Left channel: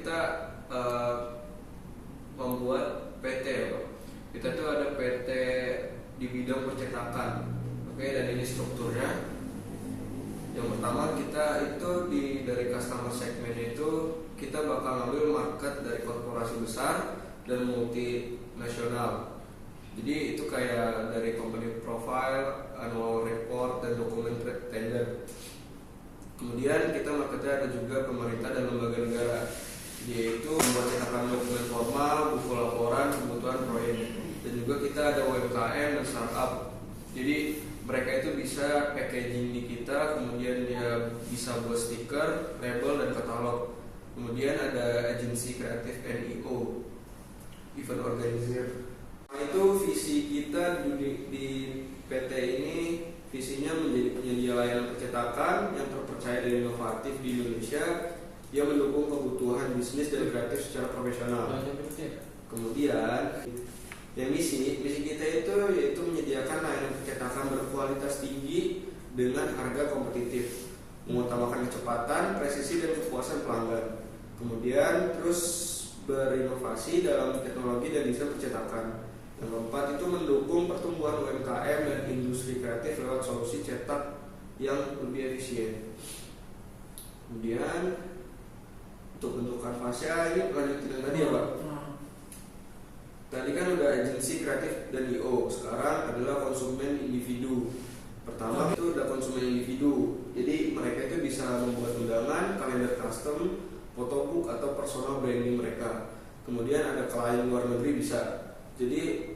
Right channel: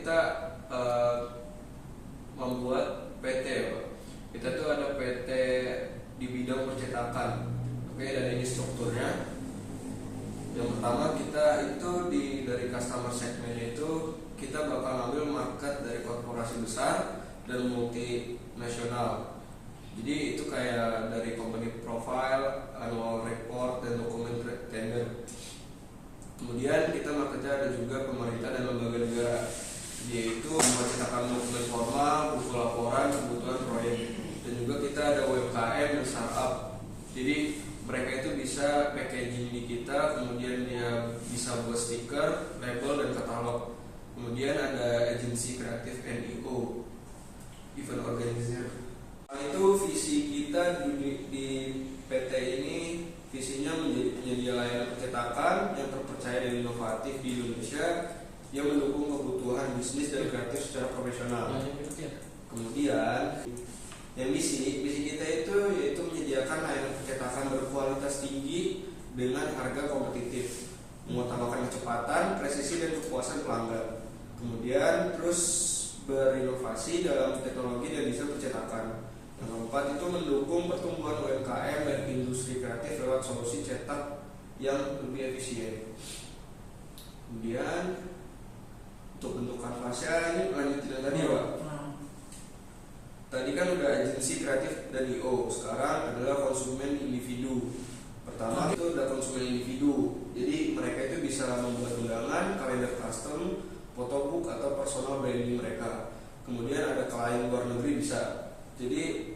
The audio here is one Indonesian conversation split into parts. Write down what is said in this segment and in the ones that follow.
kita membuat PT ya Pak. Kita tuh ada PT di bidang percetakan. Oke, dan ini strukturnya. Yang pertama kita itu dari customer segmennya itu kita bakal ngambil market dari korporasi besar dan multinasional. Jadi itu kayak dari company profile, annual report, dan dokumen tender. Kemudian kita marketnya ada juga pemerintah dan lembaga negara, yaitu membuat cetakan dokumen formal, buku laporan, kebutuhan proyek. Dan juga kita ada UMKM dan startup. Jadi mereka itu bisa packaging di kita, kemudian dia bisa buat stiker, label, dan katalog. Kemudian ada agensi kreatif NIO, event organizer. Itu visi kita di PT ini, visinya menjadi penyedia layanan percetakan yang terpercaya dan inovatif di Indonesia yang mendukung kebutuhan bisnis dan kreatif secara profesional. Kemudian yang misi kita itu yaitu menyediakan layanan percetakan berkualitas tinggi dengan harga kompetitif, mengutamakan kecepatan, presisi, dan kepuasan pelanggan. Kemudian terus berinovasi dalam teknologi dan desain percetakan. Yang keempat itu mendukung pertumbuhan UMKM dan industri kreatif lewat solusi cetak yang lebih efisien. Kemudian untuk bentuk kanvasnya ini lanjutin yang tadi ya Pak. Tadi kan udah agensi kreatif dan IO, sekarang adalah konsumen individu. Pertama itu ada konsumen individu, jadi mereka itu bisa membuat undangan, kalender custom, photobook, atau personal branding mereka. Kemudian ada klien luar negeri bisa, jadi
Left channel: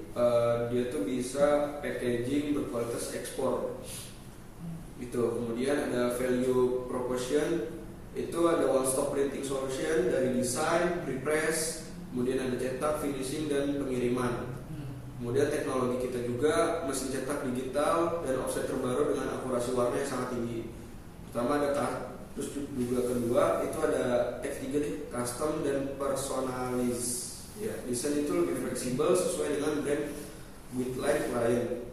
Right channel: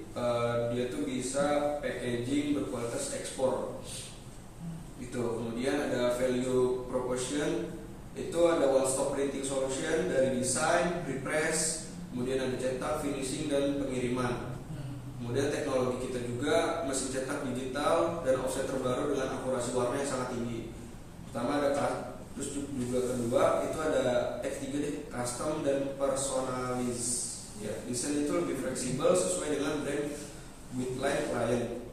dia tuh bisa packaging berkualitas ekspor gitu. Kemudian ada value proposition, itu ada one stop printing solution dari desain, prepress, kemudian ada cetak, finishing, dan pengiriman. Kemudian teknologi kita juga mesin cetak digital dan offset terbaru dengan akurasi warna yang sangat tinggi. Pertama ada, terus juga kedua itu ada F3 nih, custom dan personalize. Ya, desain itu lebih fleksibel sesuai dengan brand guideline klien.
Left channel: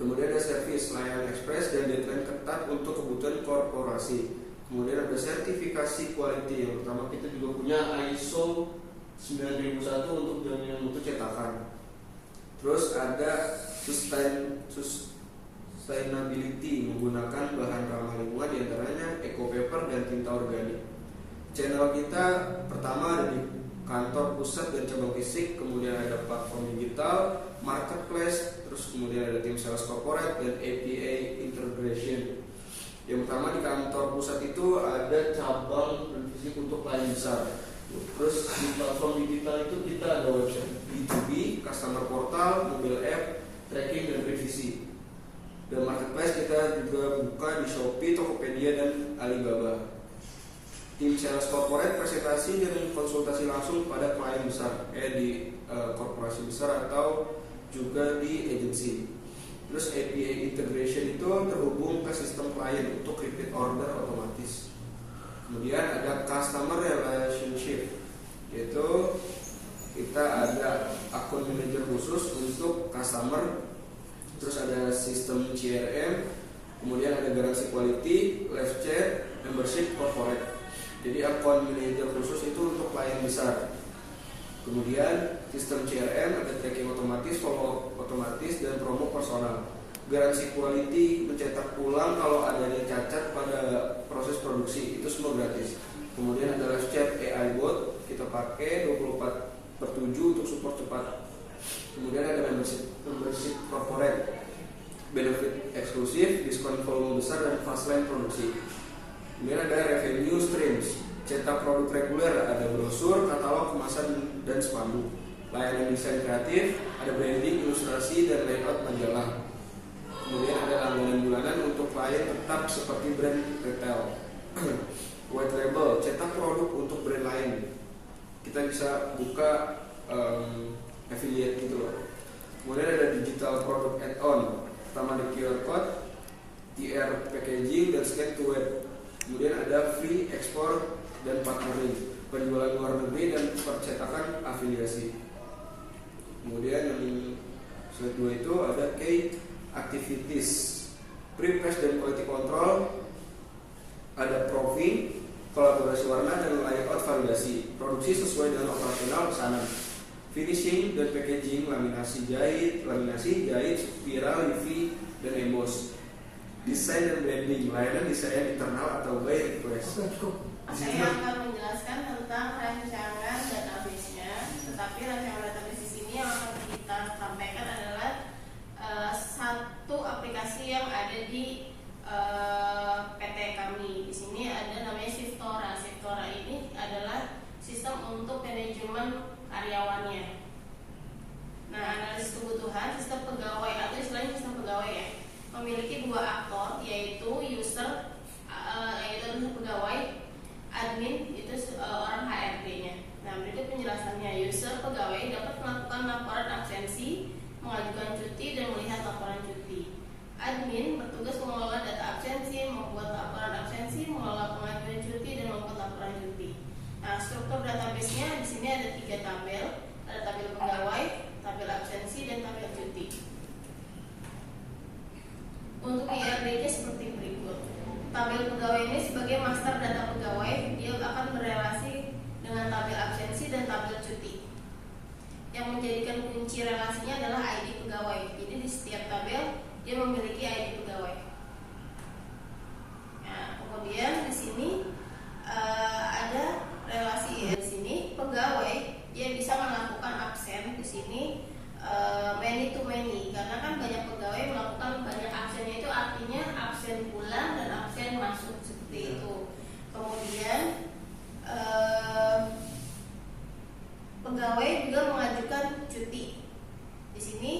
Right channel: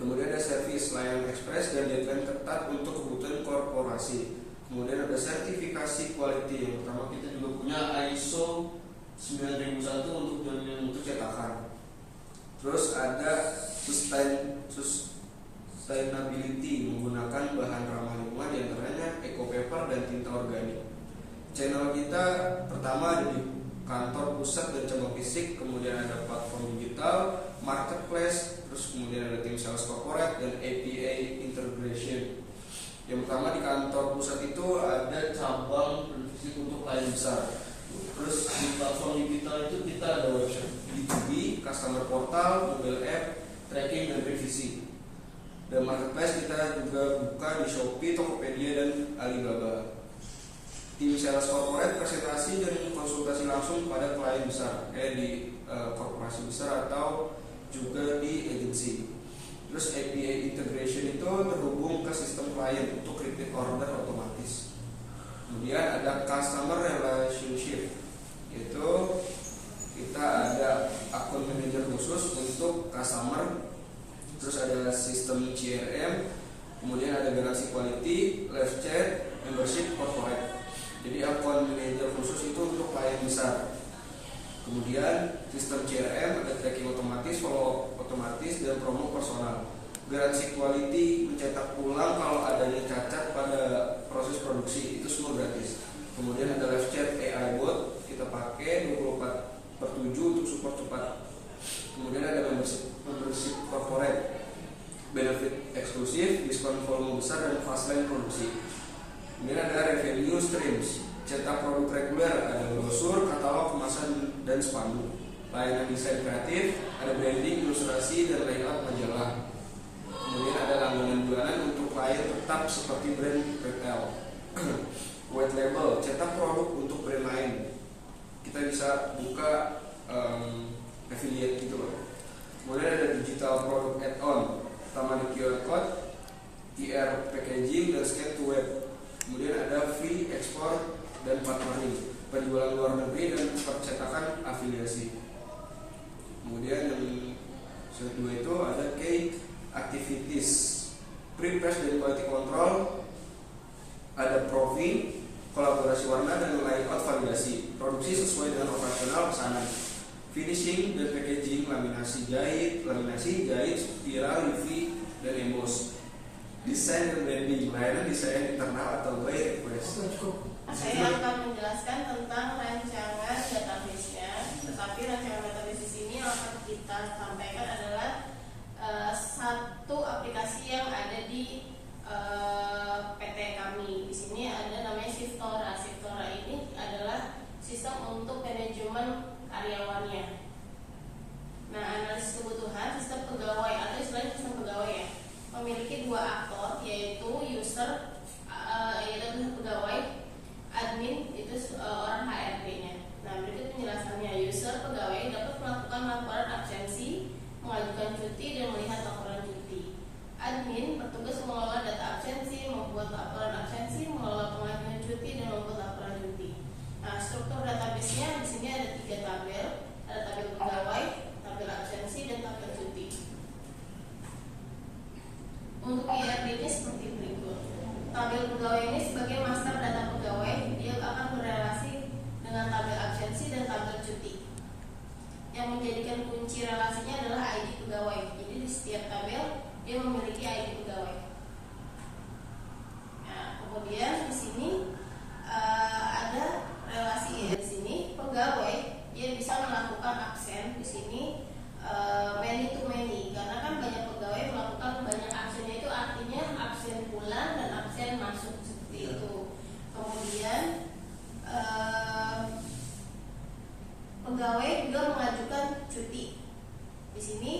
Kemudian ada service, layanan ekspres, dan deadline ketat untuk kebutuhan korporasi. Kemudian ada sertifikasi quality, yang pertama kita juga punya ISO 9001 untuk jaminan mutu cetakan. Terus ada sustainability, menggunakan bahan ramah lingkungan, diantaranya eco paper dan tinta organik. Channel kita pertama ada di kantor pusat dan cabang fisik, kemudian ada platform digital, marketplace, terus kemudian ada tim sales corporate dan APA integration. Yang pertama di kantor pusat itu ada cabang fisik untuk klien besar. Terus di platform digital itu kita ada website B2B, customer portal, mobile app, tracking, dan revisi. Dan marketplace kita juga buka di Shopee, Tokopedia, dan Alibaba. Tim sales corporate presentasi dan konsultasi langsung pada klien besar, kayak di korporasi besar atau juga di agensi. Terus APA integration itu terhubung ke sistem klien untuk repeat order otomatis. Kemudian ada customer relationship, yaitu kita ada akun manager khusus untuk customer. Terus ada sistem CRM, kemudian ada garansi quality, live chat, membership corporate. Jadi akun manager khusus itu untuk klien besar. Kemudian sistem CRM ada tracking otomatis, follow up otomatis, dan promo personal. Garansi quality, mencetak ulang kalau adanya cacat pada proses produksi, itu semua gratis. Kemudian ada live chat AI bot, kita pakai 24/7 untuk support cepat. Kemudian ada membership corporate, benefit eksklusif, diskon volume besar, dan fast lane produksi. Kemudian ada revenue streams, cetak produk reguler, ada brosur, katalog, kemasan, dan spanduk. Layanan desain kreatif, ada branding, ilustrasi, dan layout majalah. Kemudian ada langganan bulanan untuk klien tetap seperti brand retail. White label, cetak produk untuk brand lain. Kita bisa buka affiliate gitu loh. Kemudian ada digital product add-on, pertama ada QR code, QR packaging, dan scan to web. Kemudian ada free ekspor dan partnering, penjualan luar negeri, dan percetakan afiliasi. Kemudian yang kedua itu ada key activities, pre-press dan quality control, ada proofing, kolaborasi warna dan layout validasi, produksi sesuai dengan operasional pesanan, finishing dan packaging, laminasi jahit, spiral, UV, dan emboss, desain dan branding, layanan desain internal atau by request. Saya akan menjelaskan tentang rancangan database-nya, tetapi rancangan database di sini yang akan kita sampaikan adalah satu aplikasi yang ada di PT kami. Di sini ada namanya Shiftora. Shiftora ini adalah sistem untuk manajemen karyawannya. Nah, analisis kebutuhan sistem pegawai atau istilahnya sistem pegawai ya, memiliki dua aktor, yaitu user yaitu pegawai, admin itu orang HRD-nya. Nah, berikut penjelasannya. User pegawai dapat melakukan laporan absensi, mengajukan cuti dan melihat laporan cuti. Admin bertugas mengelola data absensi, membuat laporan absensi, mengelola pengajuan cuti dan membuat laporan cuti. Nah, struktur database-nya di sini ada 3 tabel, ada tabel pegawai, tabel absensi dan tabel cuti. Untuk IRD-nya seperti berikut. Tabel pegawai ini sebagai master data pegawai, dia akan berelasi dengan tabel absensi dan tabel cuti. Yang menjadikan kunci relasinya adalah ID pegawai. Jadi di setiap tabel dia memiliki ID pegawai. Nah, kemudian di sini ada relasi di sini pegawai dia bisa melakukan absen di sini many to many, karena kan banyak pegawai melakukan banyak absennya, itu artinya absen pulang dan absen masuk seperti itu. Kemudian pegawai juga mengajukan cuti. Di sini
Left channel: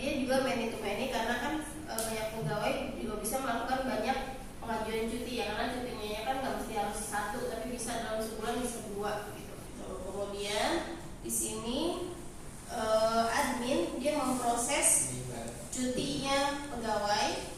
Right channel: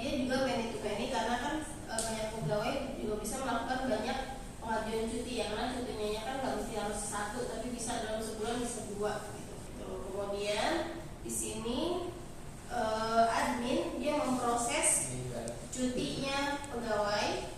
dia juga many to many, karena kan banyak pegawai juga bisa melakukan banyak pengajuan cuti, ya karena cutinya kan nggak mesti harus 1, tapi bisa dalam sebulan bisa 2 gitu. Kemudian di sini admin dia memproses cutinya pegawai.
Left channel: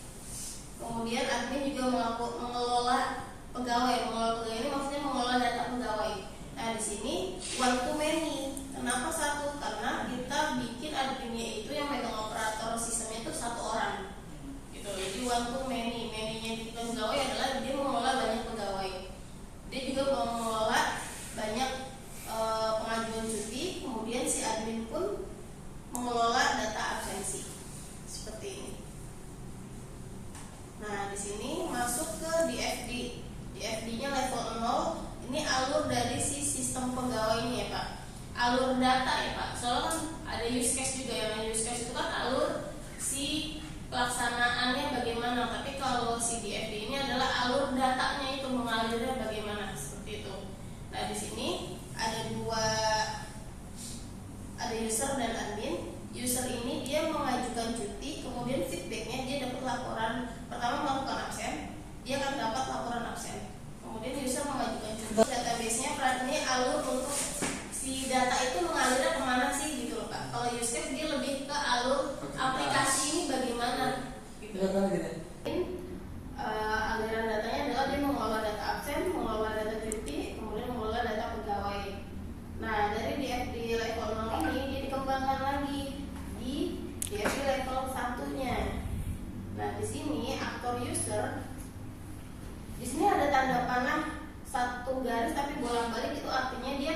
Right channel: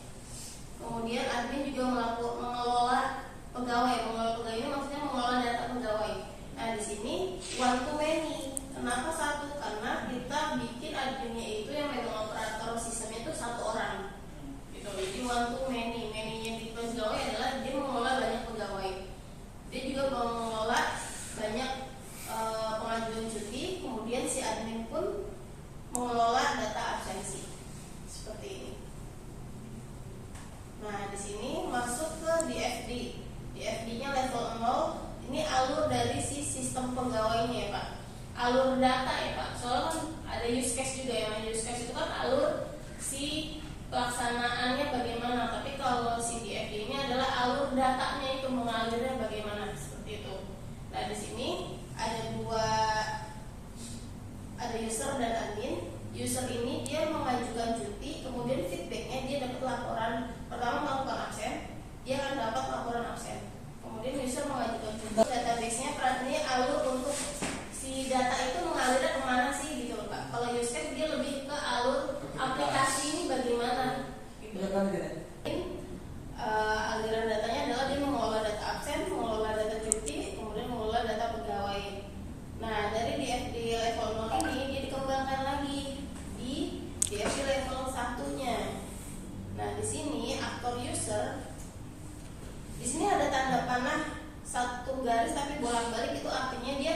Kemudian admin juga mengelola pegawai. Mengelola pegawai ini maksudnya mengelola data pegawai. Nah, di sini one to many. Kenapa 1? Karena kita bikin adminnya itu yang megang operator sistemnya itu 1 orang. Gitu. Jadi one to many. Many-nya di pegawai adalah dia mengelola banyak pegawai. Dia juga mengelola banyak pengajuan cuti. Kemudian si admin pun mengelola data absensi. Seperti ini. Nah, di sini masuk ke DFD. DFD-nya level 0. Ini alur dari si sistem pegawai ini ya Pak. Alur data ya Pak. Soalnya kan ada use case juga ya. Use case itu kan alur si pelaksanaannya bagaimana. Tapi kalau si DFD ini adalah alur datanya itu mengalirnya bagaimana, seperti itu. Nah, di sini ada user dan admin. User ini dia mengajukan cuti, kemudian feedbacknya dia dapat laporan. Pertama melakukan absen, dia akan dapat laporan absen. Kemudian user mengajukan cuti. Database-nya ini alur untuk si data itu mengalirnya kemana sih gitu loh Pak. Kalau use case dia lebih ke alur aplikasi ini bagaimana gitu. Aliran datanya adalah dia mengelola data absen, mengelola data cuti, kemudian mengelola data pegawai. Nah, dari DFD level 0 ini dia dikembangkan lagi di DFD level 1-nya. Nah, di sini aktor user, di sini ada tanda panah 1 garis tapi bolak-balik, itu artinya dia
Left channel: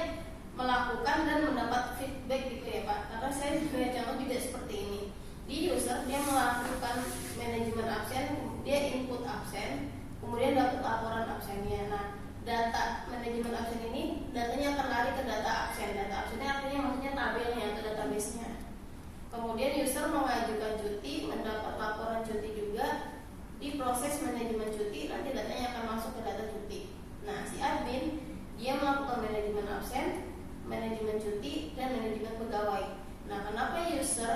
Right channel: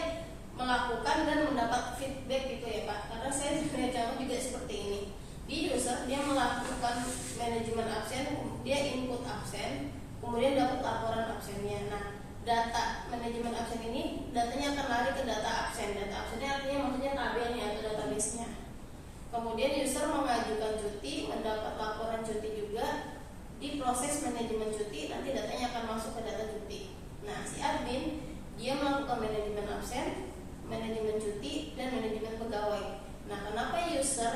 melakukan dan mendapat feedback gitu ya Pak. Karena saya sebenarnya contoh juga seperti ini. Di user dia melakukan manajemen absen, dia input absen, kemudian dapat laporan absennya. Nah, data manajemen absen ini datanya akan lari ke data absen. Data absennya artinya maksudnya tabelnya atau database-nya. Kemudian user mengajukan cuti, mendapat laporan cuti juga, di proses manajemen cuti nanti datanya akan masuk ke data cuti. Nah, si admin dia melakukan manajemen absen, manajemen cuti, dan manajemen pegawai. Nah, kenapa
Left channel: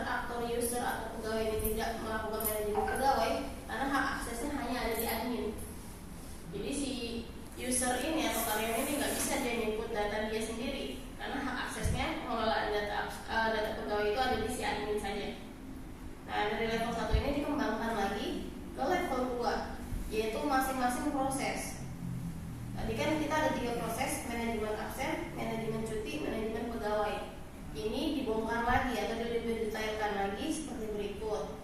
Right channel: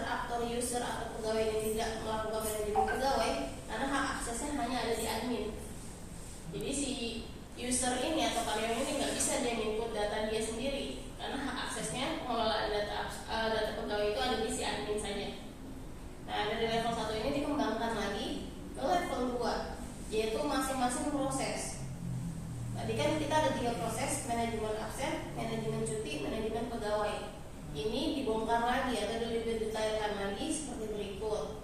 aktor user atau pegawai ini tidak melakukan manajemen pegawai? Karena hak aksesnya hanya ada di admin. Jadi si user ini atau karyawan ini nggak bisa dia input data dia sendiri, karena hak aksesnya mengelola data pegawai itu ada di si admin saja. Nah, dari level 1 ini dikembangkan lagi ke level 2, yaitu masing-masing proses. Tadi kan kita ada 3 proses, manajemen absen, manajemen cuti, manajemen pegawai. Ini dibongkar lagi atau didetailkan lagi seperti berikut.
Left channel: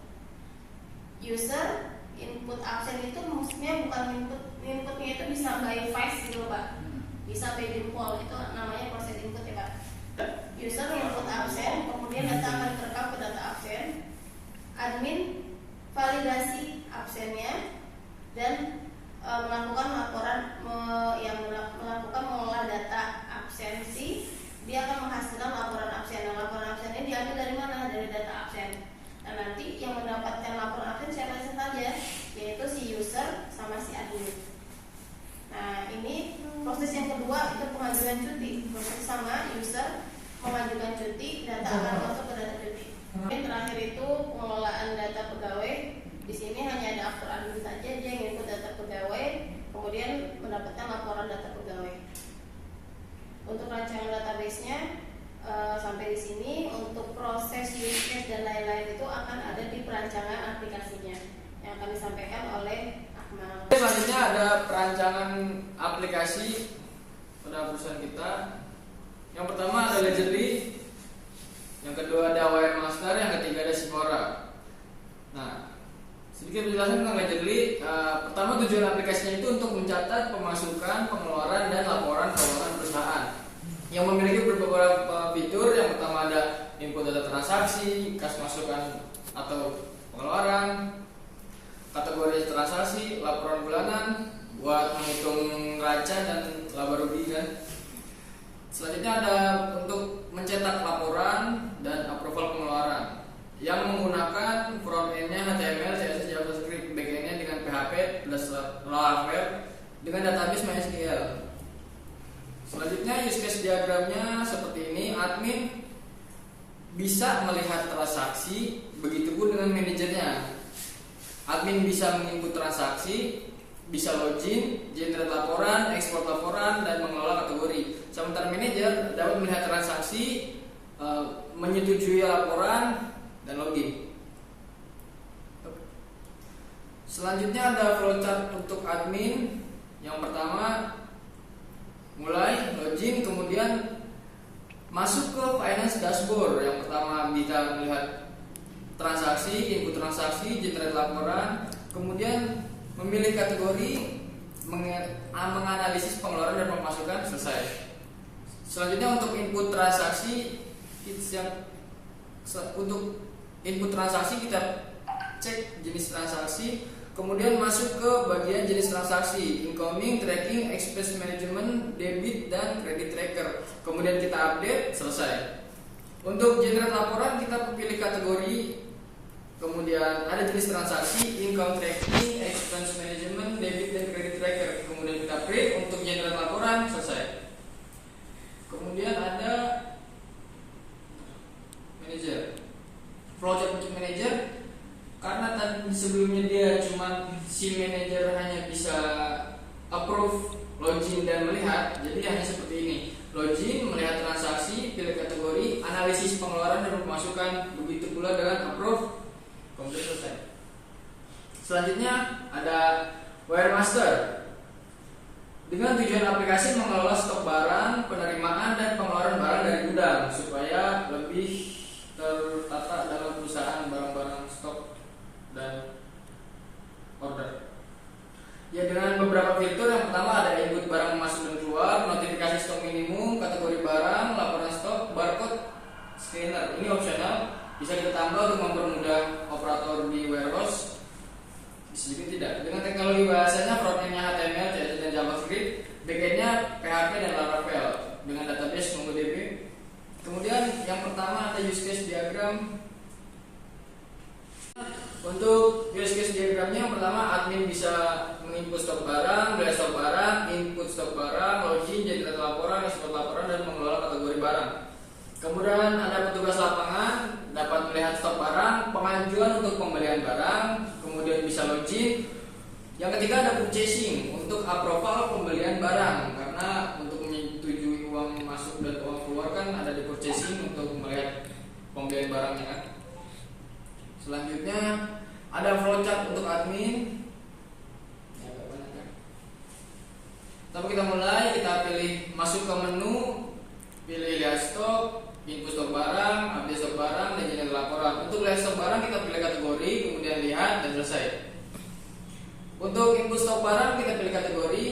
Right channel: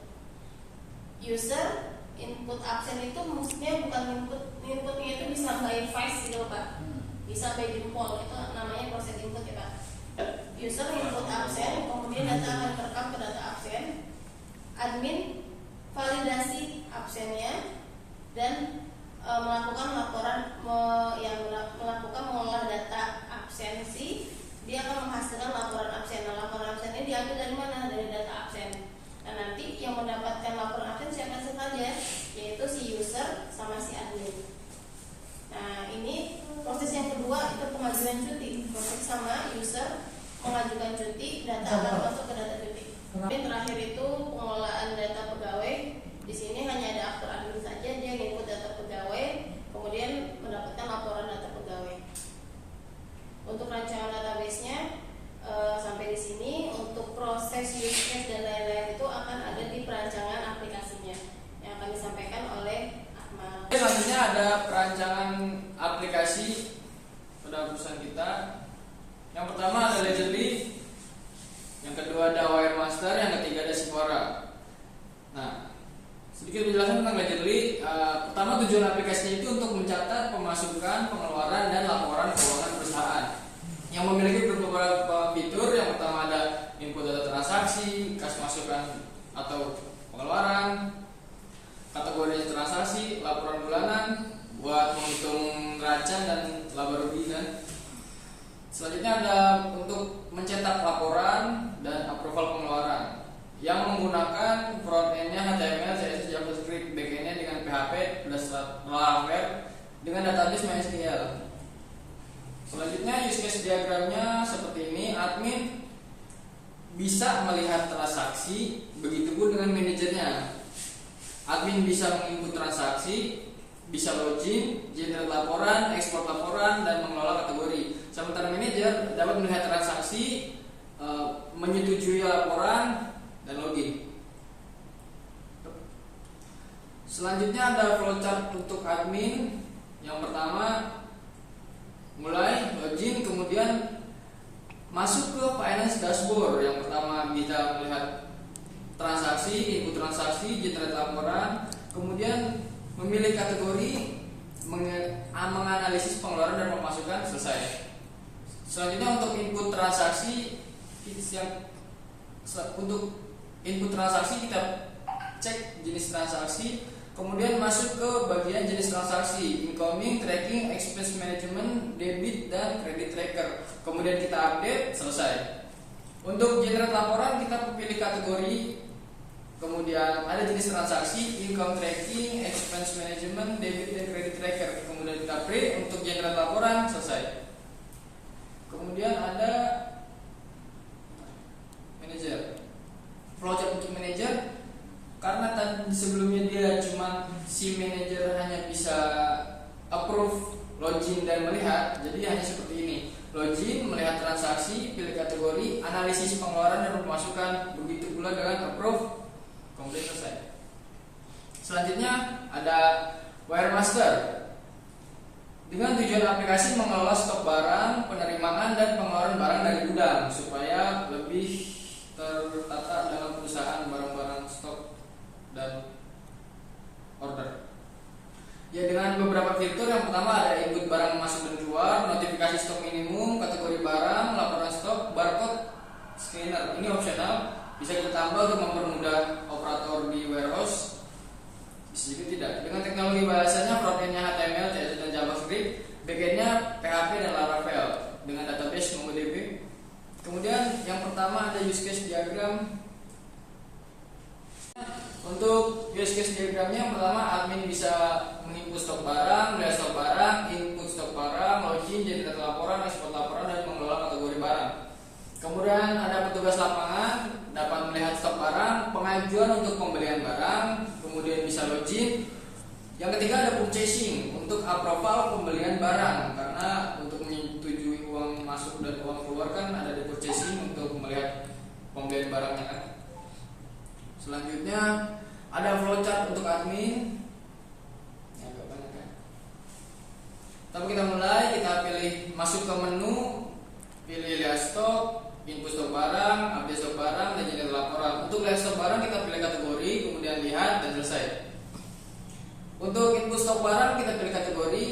User input absen itu maksudnya bukan inputnya itu bisa by face gitu Pak, bisa by jempol, itu namanya proses input ya Pak. User input absen, kemudian data akan terekam ke data absen, admin validasi absennya dan melakukan laporan melakukan mengolah data absensi. Dia akan menghasilkan laporan absen. Nah, laporan absen ini diambil dari mana? Dari data absen. Nah, nanti yang mendapatkan laporan absen siapa saja? Yaitu si user sama si admin. Nah, ini proses yang kedua itu pengajuan cuti. Proses sama user mengajukan cuti, data akan masuk ke data cuti. Dan terakhir itu pengelolaan data pegawai. Di sini hanya ada aktor admin saja, dia input data pegawai, kemudian mendapatkan laporan data pegawai. Untuk rancangan database-nya sampai di sini. Untuk proses use case dan lain-lain itu akan ada di perancangan aplikasinya yang akan disampaikan oleh Akmal. Selanjutnya ada perancangan aplikasi pada perusahaan kita. Yang pertama ada Ledgerly, yang kedua ada Wiremaster, yang ketiga ada Sipora. Nah, sedikit penjelasan tentang Ledgerly. Pertama, tujuan aplikasinya itu untuk mencatat pemasukan, pengeluaran, dan laporan keuangan perusahaan yang memiliki beberapa fitur. Yang pertama ada input data transaksi, kas masukan atau pengeluaran, kategori transaksi, laporan bulanan buat menghitung neraca dan laba rugi kan. Selanjutnya ada untuk mencetak laporan dan approval pengeluaran yang menggunakan front end-nya HTML, CSS, JavaScript, back-end-nya dengan PHP plus Laravel dengan database MySQL. Selanjutnya use case diagramnya seperti ini. Admin bisa melihat transaksi, begitu pun dengan manajernya. Admin bisa menginput transaksi, bisa login, generate laporan, ekspor laporan, dan mengelola kategori. Sementara manajer dapat melihat transaksi, menyetujui laporan, dan login. Selanjutnya ada flowchart untuk admin. Yang pertama mulai login, kemudian masuk ke finance dashboard. Yang pertama bisa melihat transaksi, input transaksi, generate laporan, kemudian memilih kategori, menganalisis pengeluaran dan pemasukan, selesai. Selanjutnya untuk input transaksi, untuk input transaksi kita cek jenis transaksi, kemudian masuk ke bagian jenis transaksi, incoming, tracking, expense management, debit, dan credit tracker. Kemudian kita update, selesai. Untuk generate laporan kita pilih kategori, kemudian ada jenis transaksi, income tracking, expense management, debit, dan credit tracker. Kemudian kita create untuk generate laporan, selesai. Kemudian ada manager, project untuk manager. Karena tadi sebelumnya dia cuma si manager hanya bisa approve, login, dan melihat, jadi hanya seperti ini. Login, melihat transaksi, pilih kategori, analisis pengeluaran dan pemasukan, begitu pula dengan approve, kemudian selesai. Selanjutnya ada Wiremaster. Dengan tujuan aplikasi mengelola stok barang, penerimaan, dan pengeluaran barang dari gudang supaya lebih tertata dalam perusahaan barang-barang stok dan order. Ya, dengan beberapa fitur. Yang pertama ada input barang masuk dan keluar, notifikasi stok minimum, kategori barang, laporan stok, barcode, scanner. Ini opsional, bisa kita tambah untuk mempermudah operator di warehouse. Bisa juga tidak. Dengan teknologi bahasanya front-end-nya HTML, CSS, dan JavaScript, back-end-nya PHP dan Laravel dengan database MongoDB. Kemudian yang pertama ada use case diagram. Untuk use case diagramnya, yang pertama admin bisa menginput stok barang, melihat stok barang, input stok barang, login, generate laporan, ekspor laporan, dan mengelola kategori barang. Kemudian ada petugas lapangan dapat melihat stok barang, pengajuan untuk pembelian barang, kemudian bisa login. Yang ketiga ada purchasing untuk approval pembelian barang, karena untuk menyetujui uang masuk dan uang keluar kan ada di purchasing untuk melihat pembelian barangnya kan. Selanjutnya ada flowchart untuk admin. Ya, kan? Tapi kita mulai, kita pilih masuk ke menu, pilih lihat stok, input stok barang, update stok barang, dan generate laporan. Untuk lihat stok barang kita pilih kategori, kemudian lihat dan selesai. Untuk input stok barang kita pilih kategori.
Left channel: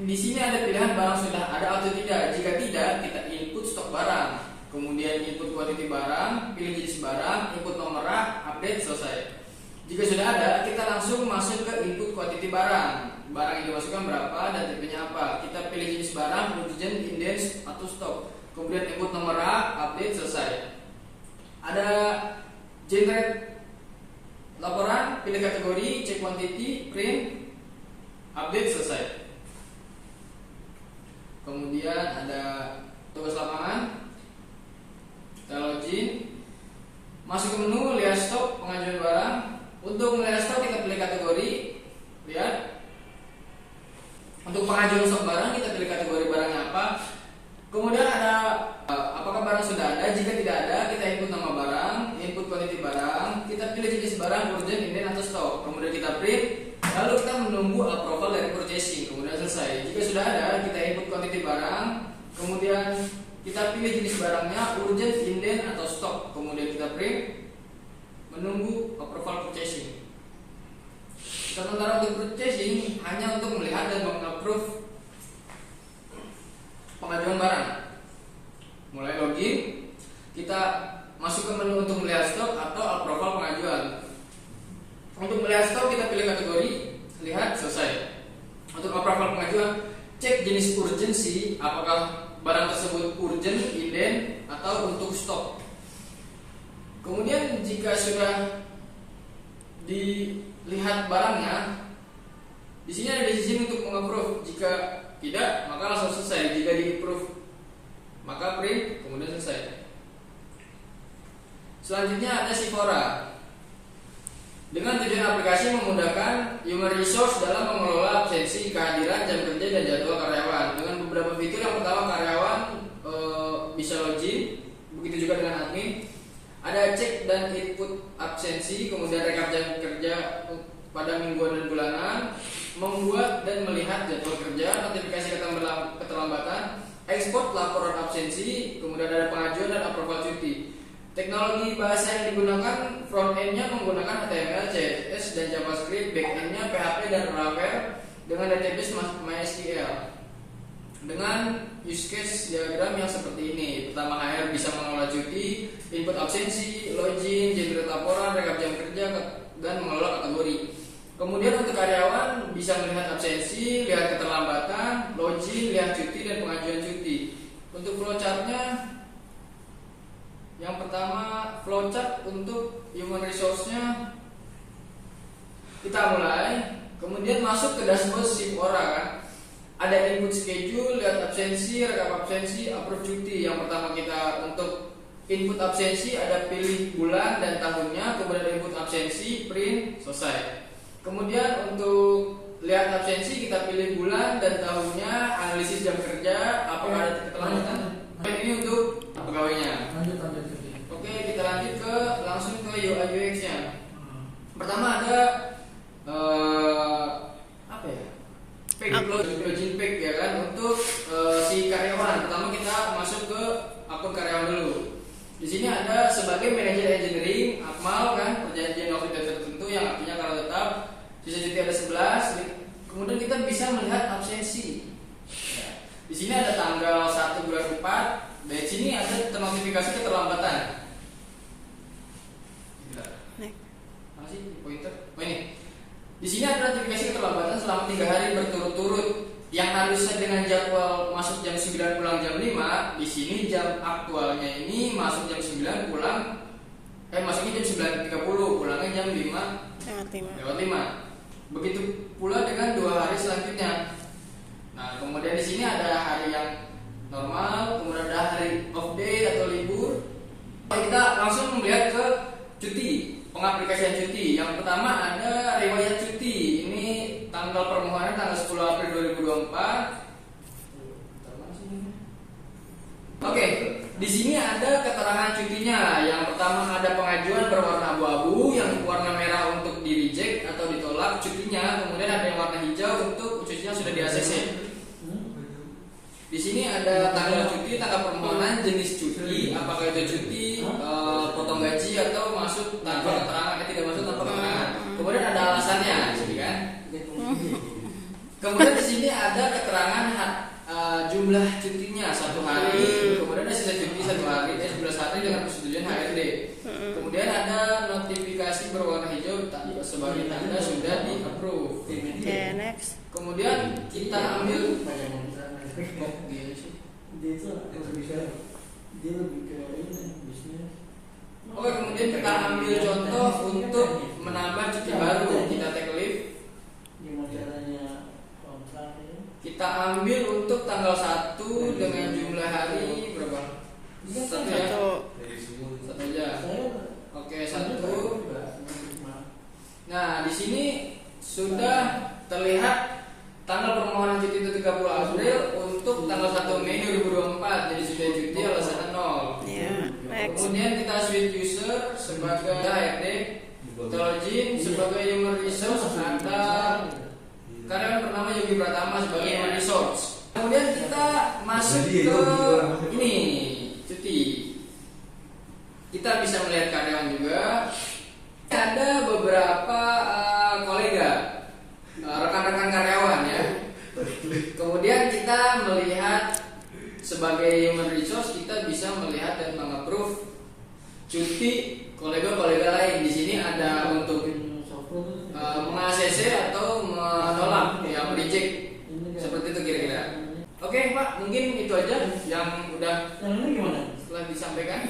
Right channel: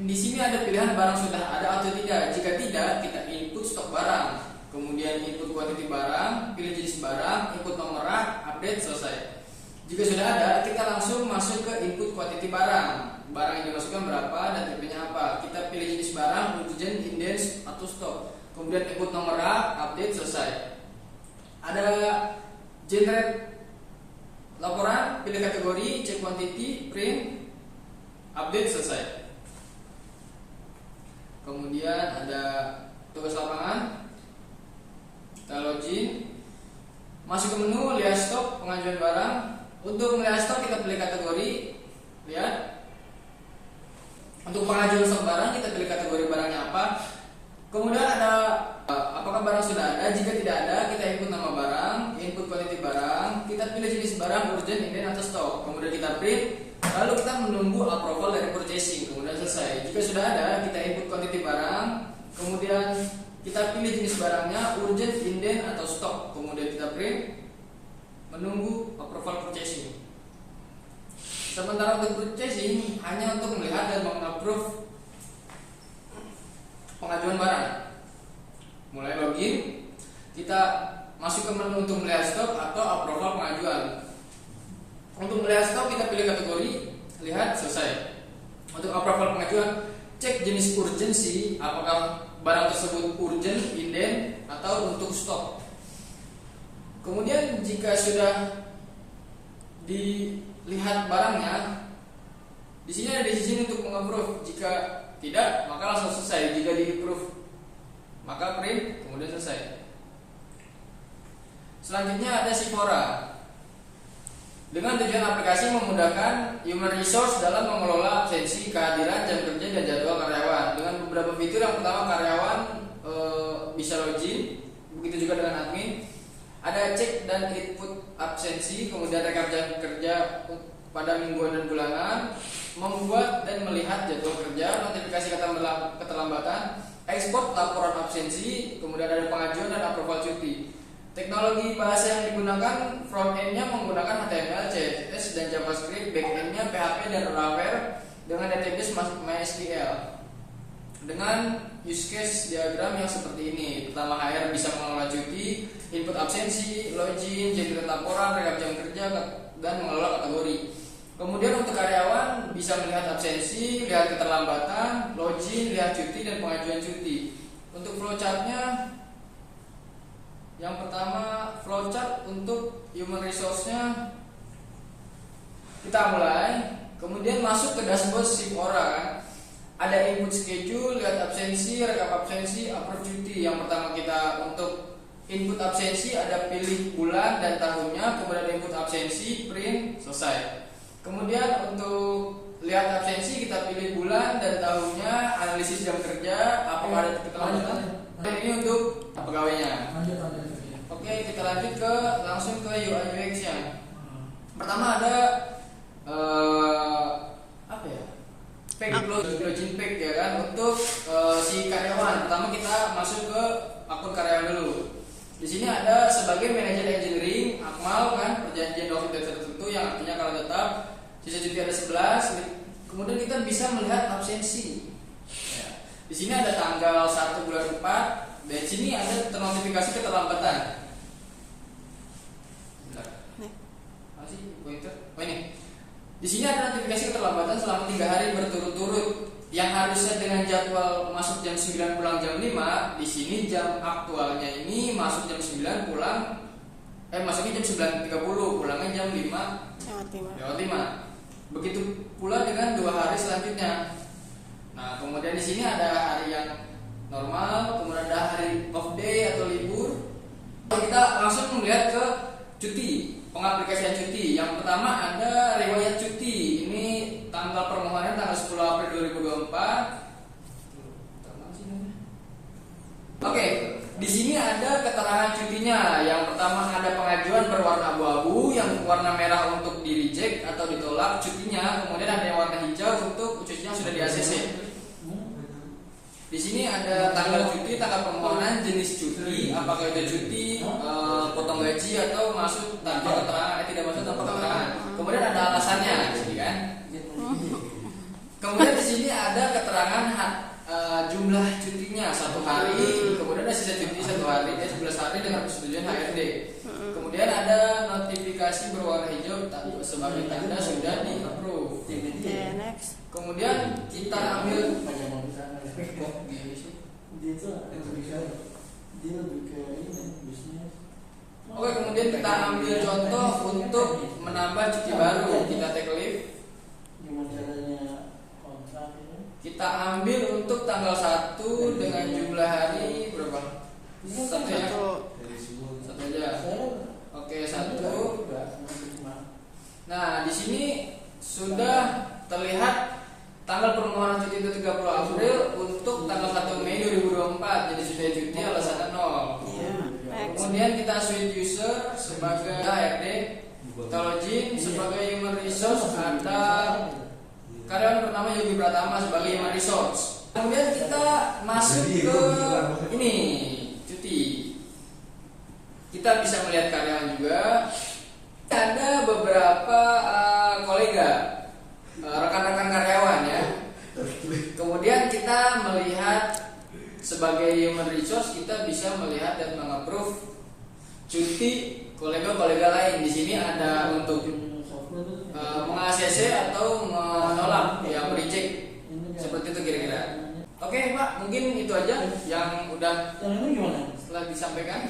Di sini ada pilihan barang sudah ada atau tidak. Jika tidak, kita input stok barang. Kemudian input quantity barang, pilih jenis barang, input nomor rak, update, selesai. Jika sudah ada, kita langsung masuk ke input quantity barang. Barang yang dimasukkan berapa dan tipenya apa. Kita pilih jenis barang, urgent, indent, atau stok. Kemudian input nomor rak, update, selesai. Ada generate laporan, pilih kategori, check quantity, print, update, selesai. Kemudian ada tugas lapangan, kita login, masuk ke menu, lihat stok, pengajuan barang. Untuk melihat stok kita pilih kategori, lihat. Untuk pengajuan stok barang kita pilih kategori barangnya apa. Kemudian ada apakah barang sudah ada. Jika tidak ada, kita input nama barang, input quantity barang, kita pilih jenis barang, urgent, indent, atau stok. Kemudian kita print, lalu kita menunggu approval dari purchasing. Kemudian selesai. Jika sudah ada, kita input quantity barang, kemudian kita pilih jenis barangnya, urgent, indent, atau stok. Kemudian kita print, menunggu approval purchasing. Sementara untuk purchasing hanya untuk melihat dan mengapprove pengajuan barang. Mulai login, kita masuk ke menu untuk melihat stok atau approval pengajuan. Untuk melihat stok kita pilih kategori, lihat, selesai. Untuk approval pengajuan, cek jenis urgency, apakah barang tersebut urgent, indent, atau untuk stok. Kemudian jika sudah dilihat barangnya, di sini ada decision untuk mengapprove. Jika tidak, maka langsung selesai. Jika di-approve, maka print, kemudian selesai. Selanjutnya ada Sifora. Dengan tujuan aplikasi memudahkan human resource dalam mengelola absensi, kehadiran, jam kerja, dan jadwal karyawan. Dengan beberapa fitur, yang pertama karyawan bisa login, begitu juga dengan admin. Ada cek dan input absensi, kemudian rekap jam kerja pada mingguan dan bulanan, membuat dan melihat jadwal kerja, notifikasi keterlambatan, ekspor laporan absensi, kemudian ada pengajuan dan approval cuti. Teknologi bahasa yang digunakan, front end-nya menggunakan HTML, CSS, dan JavaScript, back end-nya PHP dan Laravel dengan database MySQL. Dengan use case diagram yang seperti ini. Pertama, HR bisa mengelola cuti, input absensi, login, generate laporan, rekap jam kerja, dan mengelola kategori. Kemudian untuk karyawan bisa melihat absensi, lihat keterlambatan, login, lihat cuti, dan pengajuan cuti. Untuk flowchart-nya, yang pertama flowchart untuk human resource-nya kita mulai, kemudian masuk ke dashboard Sifora kan. Ada input schedule, lihat absensi, rekap absensi, approve cuti. Yang pertama kita untuk input absensi ada pilih bulan dan tahunnya, kemudian ada input absensi, print, selesai. Kemudian untuk lihat absensi kita pilih bulan dan tahunnya, analisis jam kerja, apakah ada keterlambatan. Ini untuk pegawainya. Oke, kita lanjut ke langsung ke UI UX-nya. Pertama ada apa ya? Login page ya kan untuk si karyawan. Pertama kita masuk ke akun karyawan dulu. Di sini ada sebagai manajer engineering, Akmal kan, perjanjian waktu tertentu yang artinya kalau tetap, sisa cuti ada 11. Kemudian kita bisa melihat absensi. Ya. Di sini ada tanggal 1 bulan 4. Dari sini ada ternotifikasi keterlambatan. Apa sih pointer? Oh ini. Di sini ada notifikasi keterlambatan selama 3 hari berturut-turut. Yang harusnya dengan jadwal masuk jam 9 pulang jam 5, di sini jam aktualnya ini masuk jam 9 pulang masuknya jam 9.30, pulangnya jam 5:05. Begitu pula dengan 2 hari selanjutnya. Nah, kemudian di sini ada hari yang normal, kemudian ada hari off day atau libur. Kita langsung melihat ke cuti, pengaplikasian cuti. Yang pertama ada riwayat cuti. Ini tanggal permohonan tanggal 10 April 2024. Oke, di sini ada keterangan cutinya. Yang pertama ada pengajuan berwarna abu-abu, yang warna merah untuk di reject atau ditolak cutinya. Kemudian ada yang warna hijau untuk cutinya sudah di ACC. Di sini ada tanggal cuti, tanggal permohonan, jenis cuti, apakah itu cuti, potong gaji atau masuk tanpa keterangan, tidak masuk tanpa keterangan. Kemudian ada alasannya, jadi kan? Kemudian di sini ada keterangan jumlah cutinya 1 hari. Kemudian ada sisa cuti 1 hari, 11 hari dengan persetujuan HRD. Kemudian ada notifikasi berwarna hijau sebagai tanda sudah di-approve. Oke, next. Kemudian kita ambil Oke, kemudian kita ambil contoh untuk menambah cuti baru. Kita take leave. Kita ambil untuk tanggal 1 dengan jumlah hari berapa? Satu ya? Satu aja. Oke, 1. Nah, di sini sudah terlihat tanggal permohonan cuti itu 30 April untuk tanggal 1 Mei 2024. Jadi sudah cuti alasannya 0. Next. Kemudian kita switch user sebagai HRD, kita login sebagai human resource atau karyawan bernama Yogi Pratama sebagai human resource. Kemudian kita masuk ke ini cuti. Kita bisa melihat karyawan juga. Ada beberapa kolega, rekan-rekan karyawan ya. Kemudian kita melihat sebagai human resource, kita bisa melihat dan meng-approve cuti kolega-kolega lain. Di sini ada untuk meng-ACC atau menolak, yang mereject. Seperti itu kira-kira. Oke Pak, mungkin itu aja yang udah setelah disampaikan.